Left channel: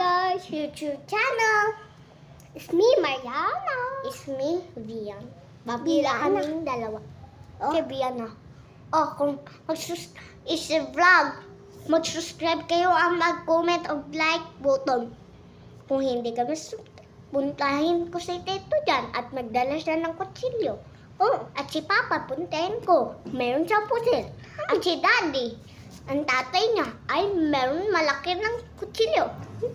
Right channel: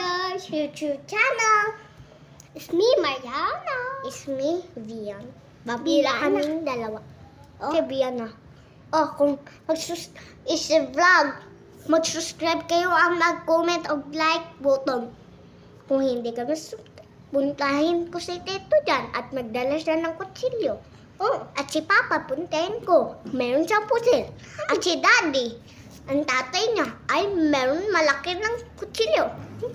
guys, YouTube channel. It's me, Mariana. It's me, Vian. Babila kaming dalawa. Oh. Si Vian na. Oh, kung vlog, mag-subscribe kayo ang mag-comment o like button. Kung hindi ka puntahin ko si Tito dyan at magdala siya ng kutsilyo. Oh, at si Papa, puntahin ko. Meron siyang pusil. At si Daddy, ang tatay niya ay meron malaki ng kutsilyo.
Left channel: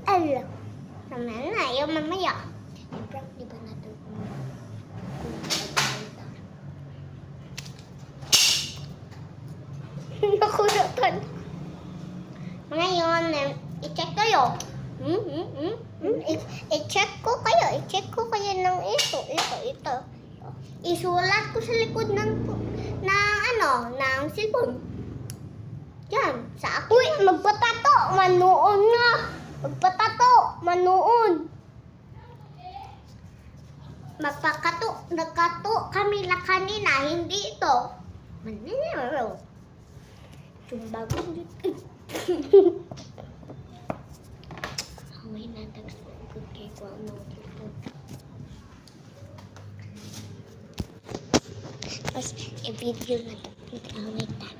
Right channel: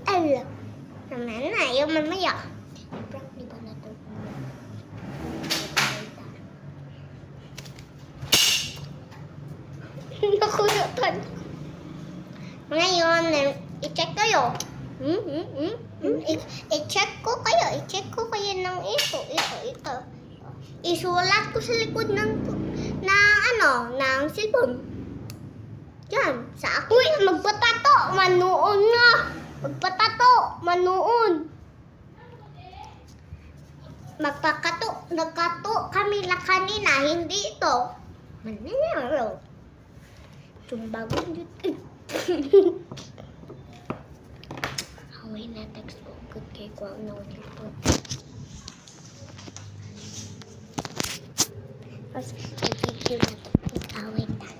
Alam. Naman na, yung mamaya. I-prank di ba natin? Nakunutan. Ngayon, i-check kayo. I-check ko kayo. I-check ko kayo ng ito. Isulat ko sa likod ng cellphone. Yan, sa ako. Uy, magpatato, manoon nga. Magpatato, manoon. Nagkato kami na kanina, hindi ito. Manero. Tumbagon dito. Haway na text ko. Good kay ko ang nawagilpon. Tapos, i-video na ito. Away na.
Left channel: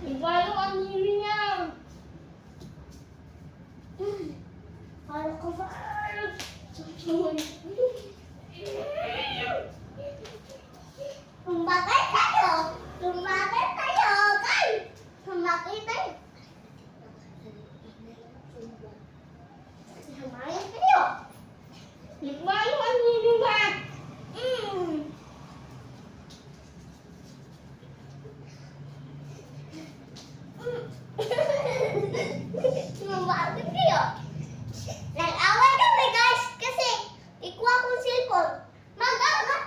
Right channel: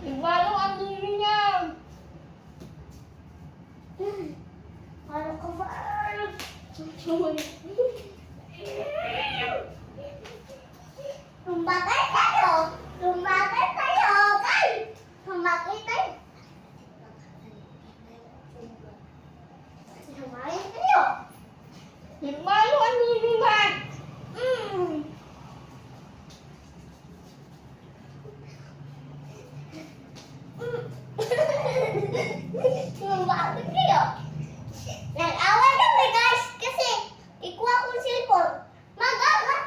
Iwalo ang nini niya. Para ka ba? Tumbagay tayo! Tumbagay tayo! Tumbagay tayo! Tumbagay tayo! Iwalo ang nini ba? Tumbagay tayo! Nag-away kami guys kasi ikuha kong cellphone. Mag-away!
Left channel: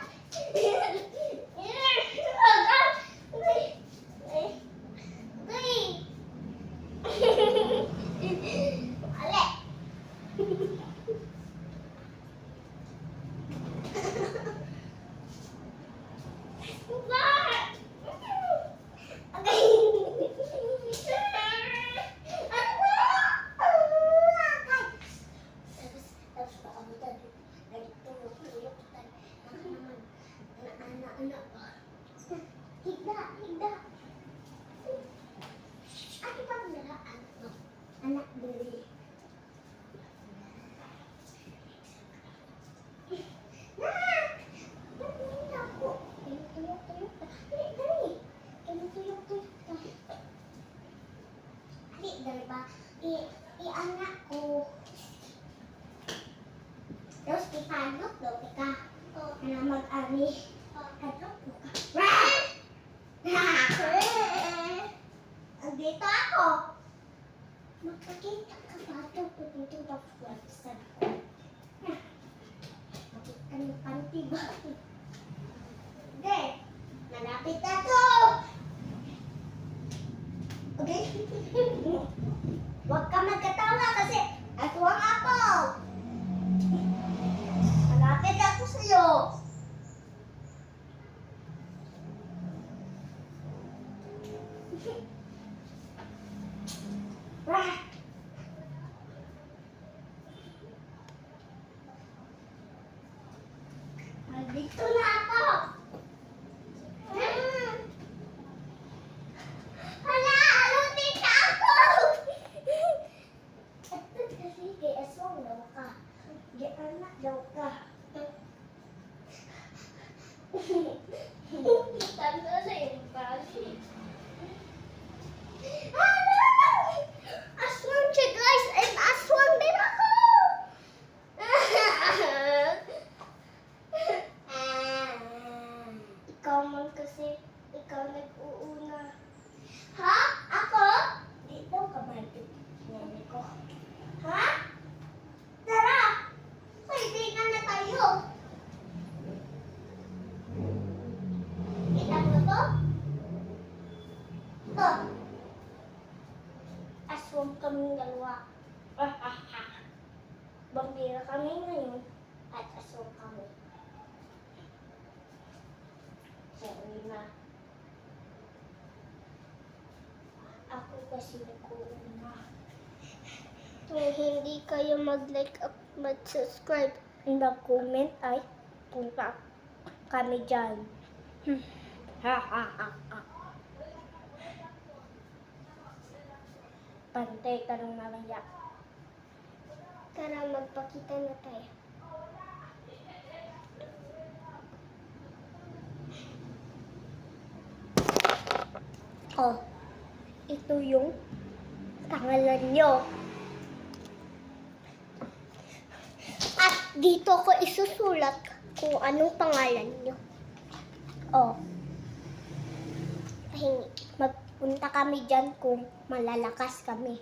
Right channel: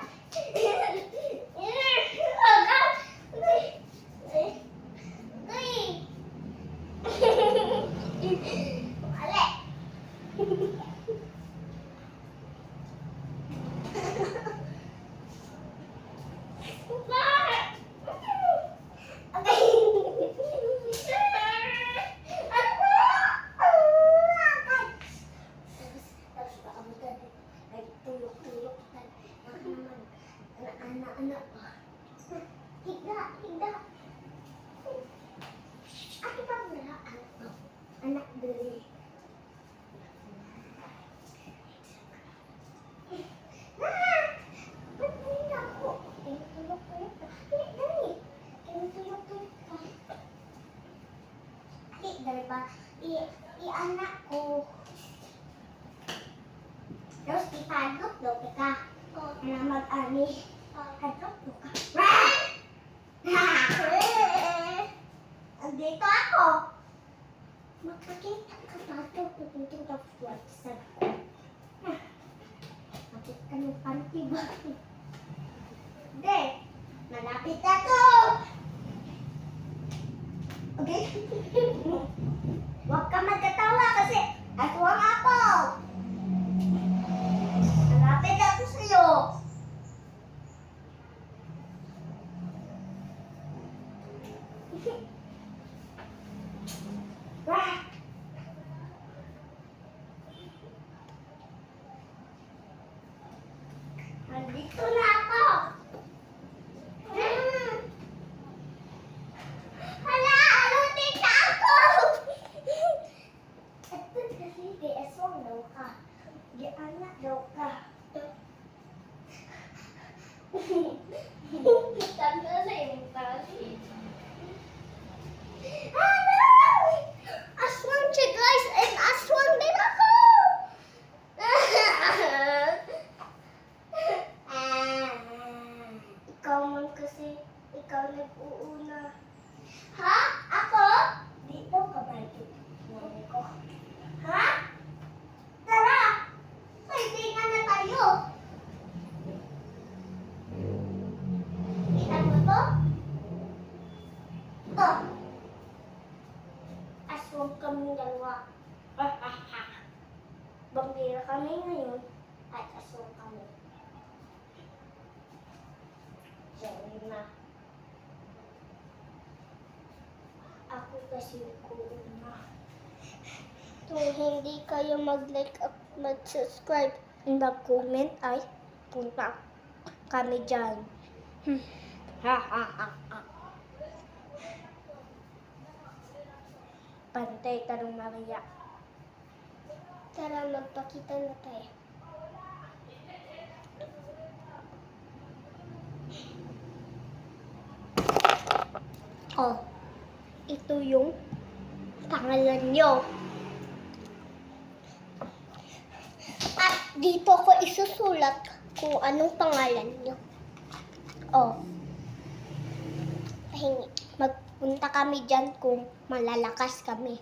Anak beli. I-anak ko. Terus ipadok daw ka. Na mag-ani. Adok ka. Dito ako. Magpakita ka tato kung ito na flexion ko. Makita ng panty ba? Hindi. Malapit ako. Okay? Huwag ka magkatawa kasi ako ang apple. Malapit ako sa'yo. Nandito na ako. Hala, alutin na ako. Ito kasi kay aswang daw ka. Di anak daw ka. Tanda na yung kasi. Aswang siya guys, and aswang din ako. Ikaw man kasi, ikaw nag-uuna. Ha? Ako? Di daw ka ba ito? Nani ko. Ha? Tara! Pwedeng na tayo. Kita mo to? To. Kasi nag-uuna. Kung hindi kayo mag-like at mag-subscribe and mag-comment ay punta kami dyan. Ha ha ha ha. Pantay tanong mamaya. Tara, magpakita na tayo. Oh, ito yung pangalan nyo. At dito ko isusulat kung anong pangalan nyo. Oh, pahingi. Magpunta kami dyan kung malalakas kami.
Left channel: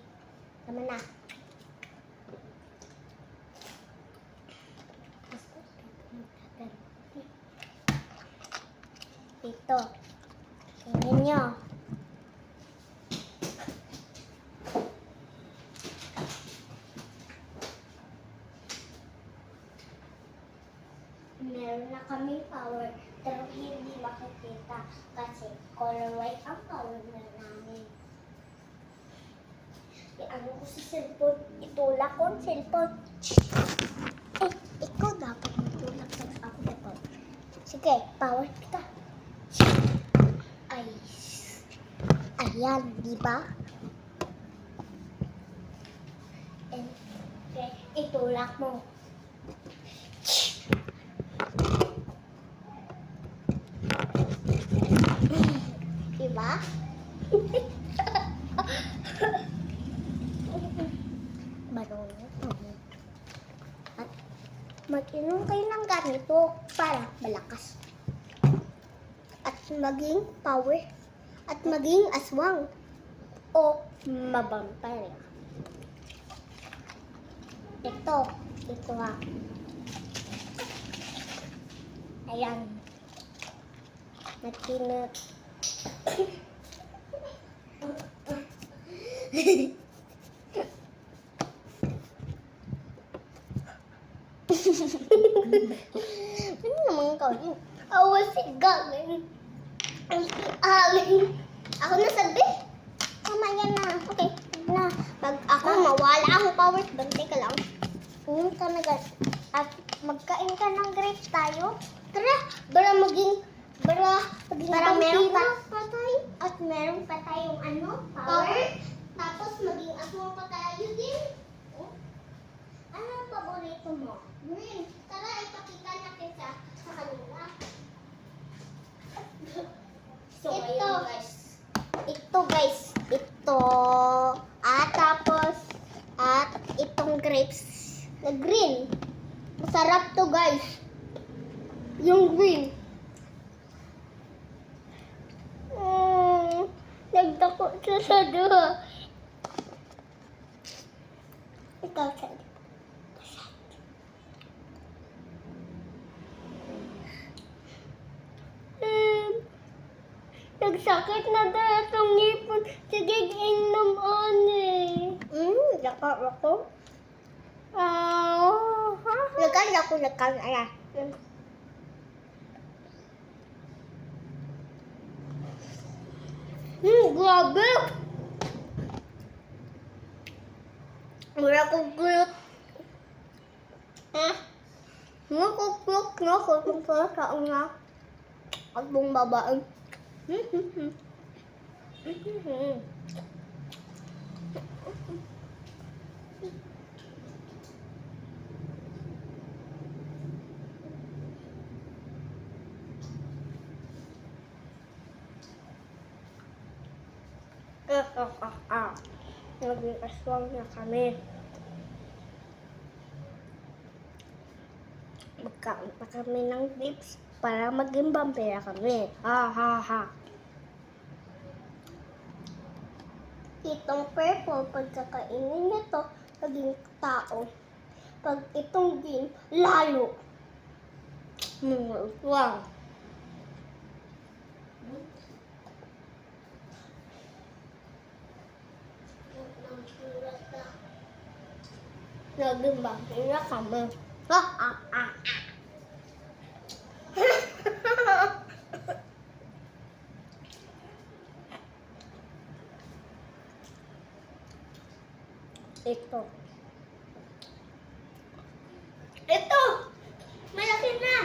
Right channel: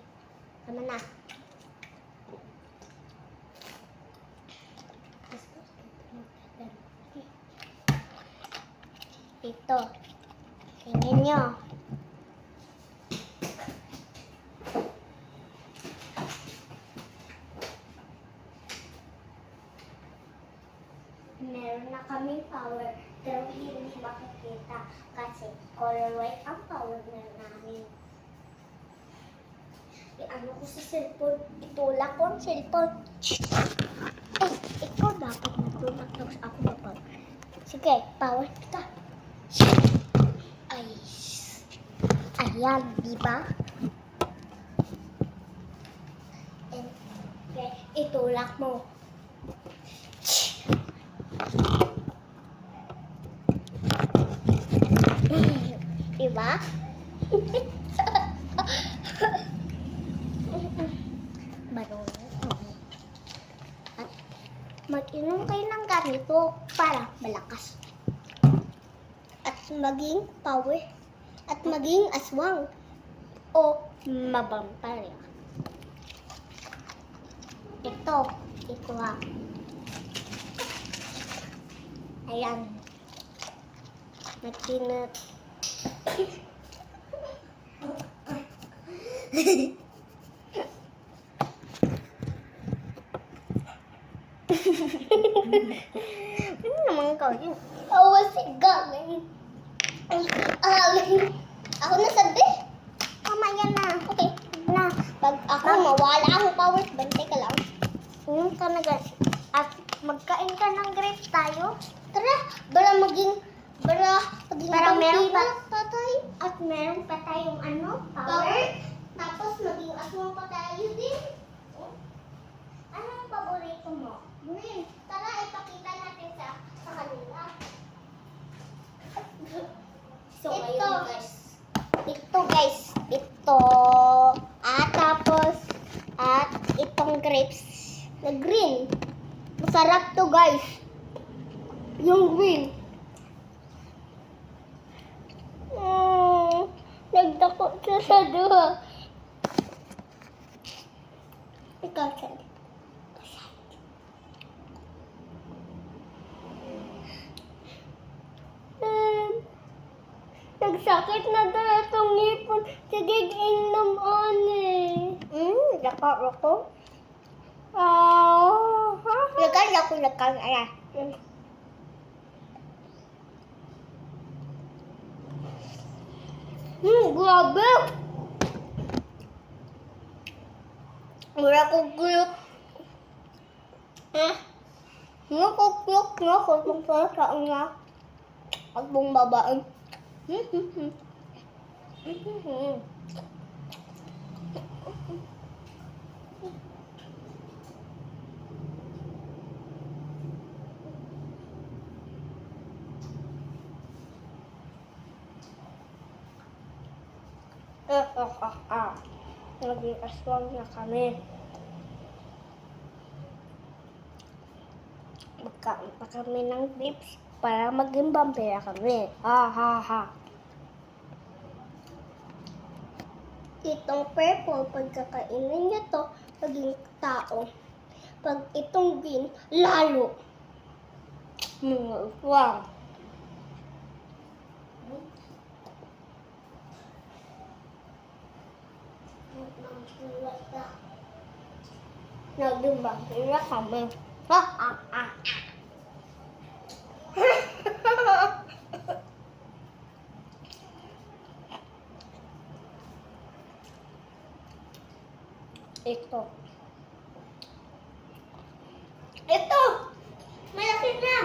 Tama na. Ito. Tingnan nyo. Meron na kaming power, pero hindi makikita kasi color white ang power na namin. Ano ko sa cellphone? Itulak ko ang cellphone. Eh, ikaw dapat magtulak sa ako dapat. Sige, power kita. Ay, ayan, di ba? Okay, itulak mo. Diba? Marunong. At mag-inom kayo ng ganito para malakas. At maging power. At maging aswang. O mabamparya. Ito ha. Ayan. Magtinat. Ano naman ka yun? Awas gagawin. Ako na sabi? Mamaya na. Okay. Na. Pag ako mawala ang power, bantay ka lang. Ka na at magkain ka ng grapes tayo. Tara, para maging meron patay. At meron pa tayong power. Tapos maging aswang pa tayo din. Anong paborito mo? Green. Tara, ipakita natin sa kanila. So, ito guys. Ito. Tapos, itong grapes na green. Masarap to guys. Yung green. Nagdako siya sa duha. Ikaw sa'yo. Nagsakit na tayo itong ngipon. Sige, inom Lakar ako. Lakar. Ayan. Grabe. Wala ko gulot. Wala ko gulot na ako kung saan nga. At buong babaan. Naging aswang na kami. Magkaon pa kami ng lips para maging vampira kami. Ha. Itong purple, pagkakainin niyo to, maging tao. Pag itong green, lalo. Mga aswang. Naging vampira kami. Ha. Ito. Ito! Malaki na!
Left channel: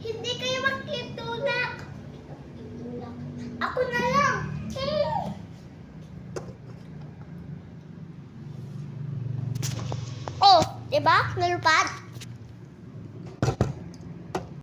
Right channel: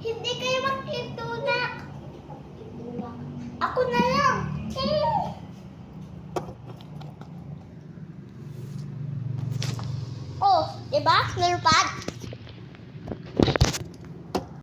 Hindi kayo magtutulak. Ako na lang. Oh, diba? Nalupad.